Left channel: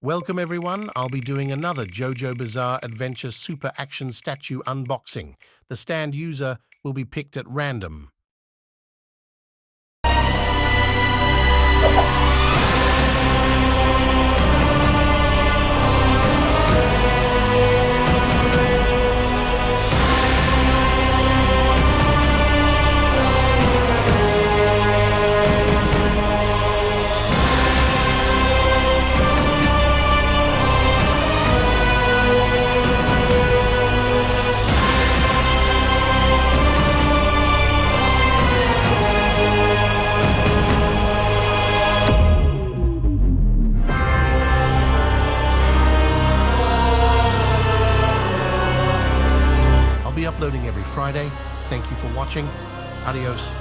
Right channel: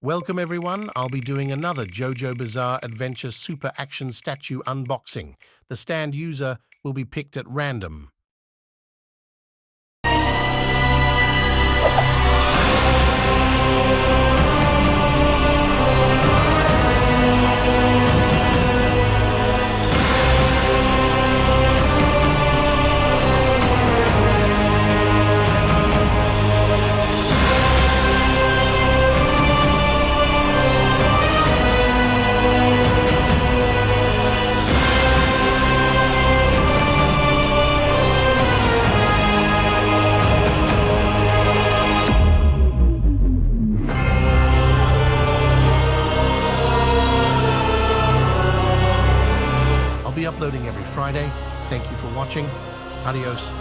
Welcome everyone, I'll be doing another Jojo Bizarre Adventure Super Action Statue unboxing. The stand user will be picked at random. I'll be uploading every Friday. Thank you for watching. Adios.